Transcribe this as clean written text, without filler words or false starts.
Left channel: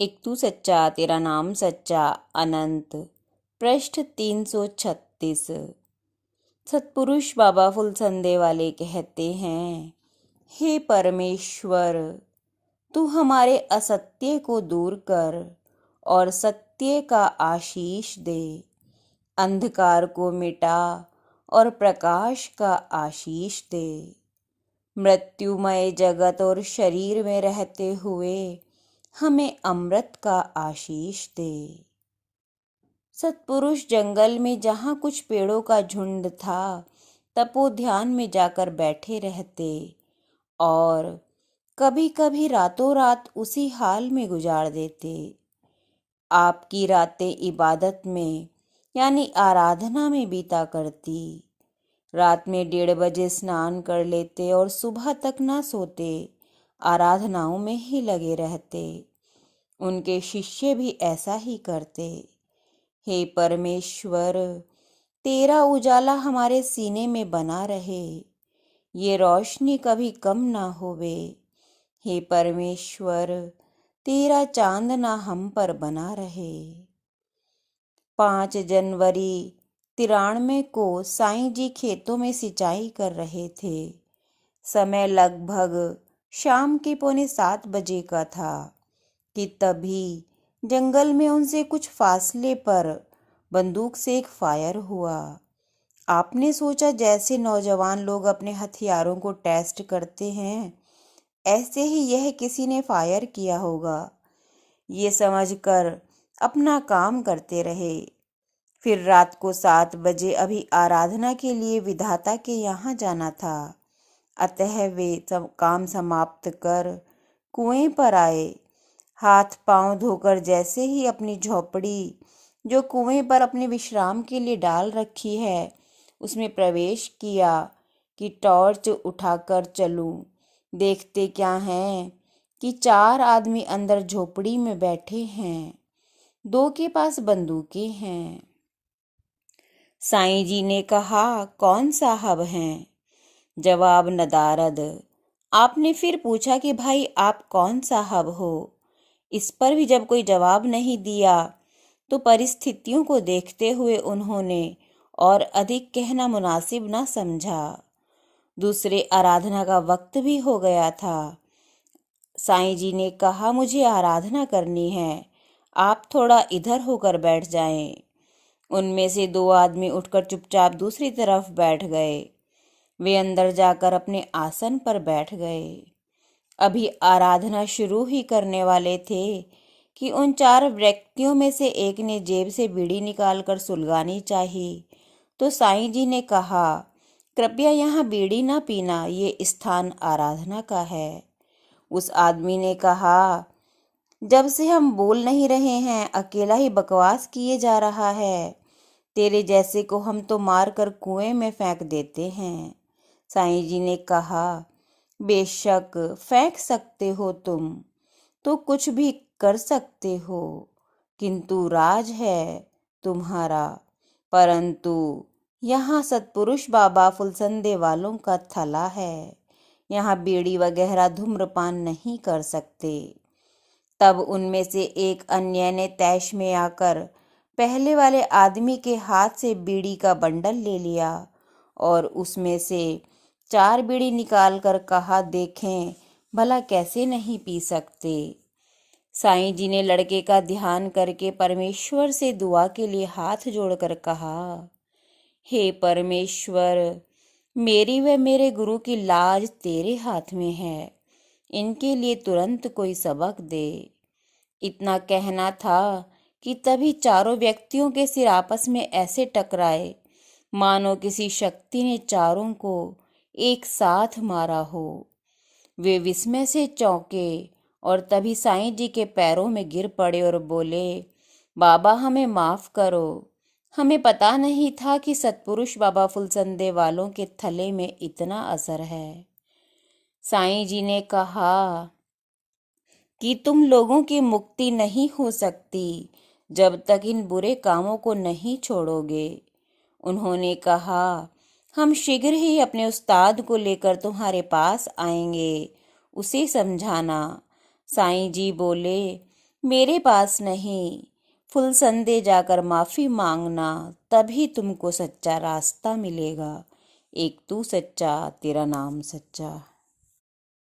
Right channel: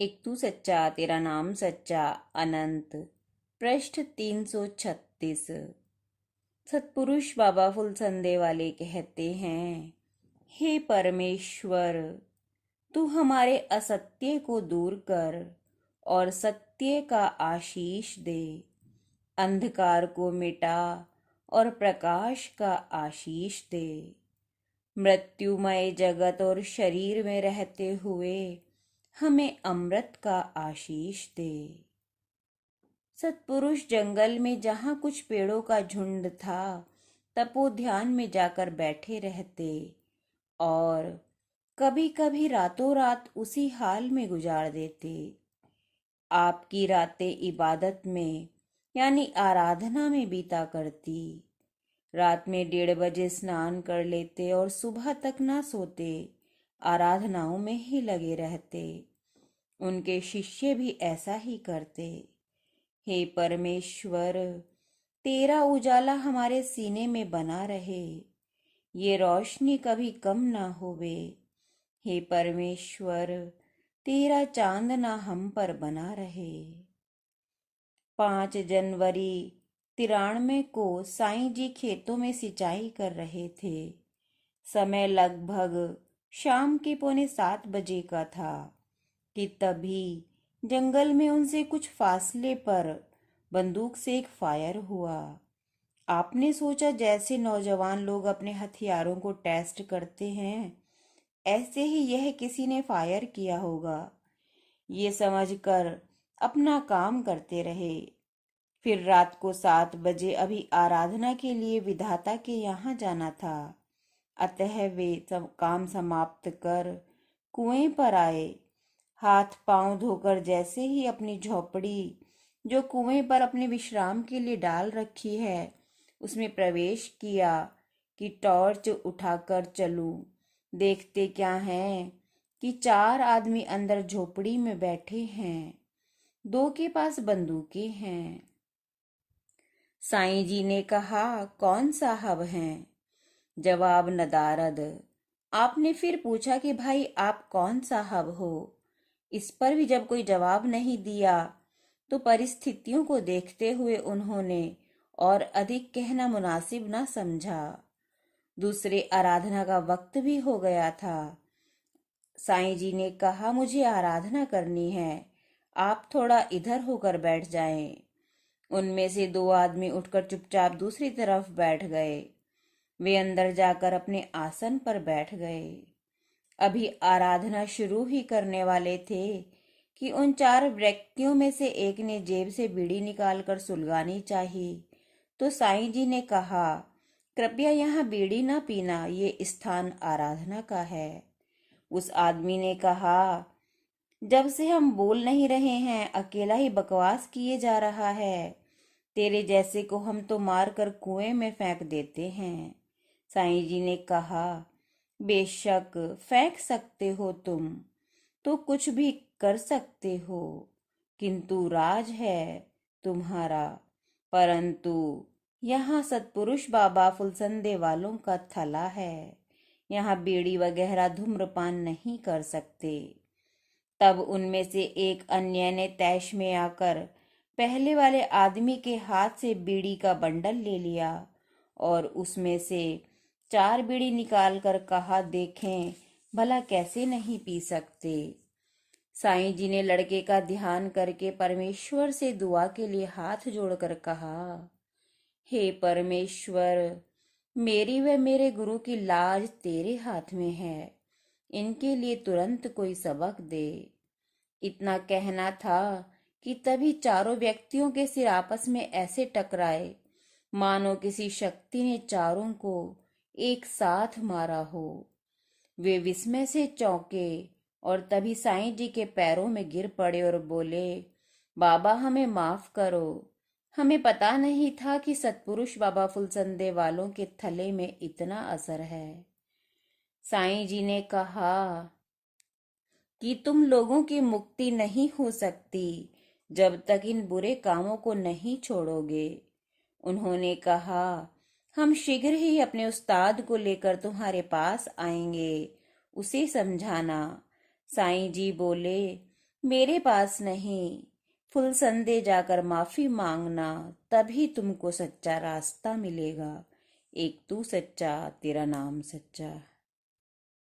एक तू सच्चा तेरा नाम सच्चा अनंत। पृष्ठ 336। सतपुरुष बाबा फुलसंदे वाले कहते हैं, हे परमेश्वर, तू हमारे असत्य को दूर कर और सत्य का आशीष दे। अंधकार को मिटा और प्रकाश का आशीष दे। मृत्युमय जगत और शरीर में रहते हुए हमें अमृत का आशीष दे। सतपुरुष जंगल में जहाँ कुछ पेड़ों का झुंड था, तपो ध्यान में जाकर बैठे रहते और कभी कभी रातों रात उसी हाल में गुजार देते। आपकी रातें इबादत में यानी आराधना में बीता करती। रात में 1:30 बजे स्नान कर लेते और सुबह तक ना सोते, आराधनाओं में ही लगे रहते। उनके शिष्य भी ऐसा ही करते। हे परमेश्वर, तेरा उजाला हमारे सीने में बना रहे, ये रोशनी कभी कम ना होवे। हे परमेश्वर, तेरा चांद ना हम पर बना रहे। 5 जनवरी 93 को साईं जी खेतों में सिंचाई कर रहे थे। समय लगभग शाम के 6:45 बजे का था कि तभी जंगल में उनसे कुछ फासले पर बंदूक से एक फायर हुआ। आपने सोचा जैसे नौजवान लोग अपने हथियारों को टेस्ट करते हैं, ऐसे ही यह किसी ने फायर किया होगा। ये समझकर अपना काम करते रहे। फिर रात को 7 बजे अभी आराधना के लिए विधाता के यहाँ जाना था, अतः वे काम समाप्त कर कुएं पर आए। हाथ पांव धोकर जैसे ही अपनी झोपड़ी, जो कुएं पर अपने विश्राम के लिए डाल रखी है, उसमें प्रवेश किया कि टॉर्च उठाकर चलूं। देखते क्या हैं कि 4 आदमी अंदर झोपड़ी में बैठे हैं। 2 के पास बंदूकें हैं। साईं जी ने कहा, कौन साहब हैं? जवाब नदारद। आपने फिर पूछा कि भाई आप कौन साहब हो? इस पर भी जब कोई जवाब नहीं दिया तो परिस्थितियों को देखते हुए उन्होंने और अधिक कहना मुनासिब न समझा। दूसरे आराधना का वक्त भी हो गया था। साईं जी ने कहा, मुझे आराधना करनी है, आप थोड़ा इधर होकर बैठ जाएं। उनमें से 2 आदमी उठकर चुपचाप दूसरी तरफ बैठ गए। वे अंदर जाकर अपने आसन पर बैठ गए। अभी आराधना शुरू ही करने वाले थे कि उन 4 व्यक्तियों में से एक ने जेब से बीड़ी निकालकर सुलगानी चाहिए, तो साईं जी ने कहा, कृपया यहाँ बीड़ी ना पीना, ये स्थान आराधना का है। उस आदमी ने कहा, जब से हम बोल नहीं रहे हैं, अकेला ही बकवास किए जा रहा है। तेरे जैसे को हम तो मार कर कुएं में फेंक देते हैं। साईं जी ने कहा, बेशक फेंक सकते हो तुम, तो कुछ भी कर सकते हो, किंतु राज है तुम्हारा। परंतु यहाँ सतपुरुष बाबा फुलसंदे वालों का थला है, यहाँ बीड़ी वगैरह धूम्रपान नहीं कर सकते। तब उनमें से एक अन्य ने तैश में आकर पहले वाले आदमी के हाथ से बीड़ी का बंडल ले लिया और उसमें से 4 बीड़ी निकालकर कहा, देखें भला कैसे नहीं पी सकते। साईं जी ने लड़के का ध्यान करके परमेश्वर से दुआ के लिए हाथ जोड़कर कहा, हे परमेश्वर, मेरी व मेरे गुरु की लाज तेरे हाथ में है, इनके लिए तुरंत कोई सबक दे। इतना कहना था कि तभी चारों व्यक्तियों के सिर आपस में ऐसे टकराए मानो किसी शक्ति ने चारों को एक साथ मारा हो। वे विस्मय से चौंके और तभी साईं जी के पैरों में गिर पड़े और बोले, बाबा हमें माफ करो, हमें पता नहीं था कि सतपुरुष बाबा फुलसंदे वालों के थले में इतना असर है। साईं जी ने कहा कि तुम लोगों की मुक्ति नहीं हो सकती जब तक इन बुरे कामों को नहीं छोड़ोगे। उन्होंने कहा, हम शीघ्र ही अपने उस्ताद को लेकर तुम्हारे पास आएंगे, उसे समझाना। साईं जी बोले, मेरे पास नहीं, फुलसंदे जाकर माफी मांगना, तभी तुमको सच्चा रास्ता मिलेगा। एक तू सच्चा, तेरा नाम सच्चा।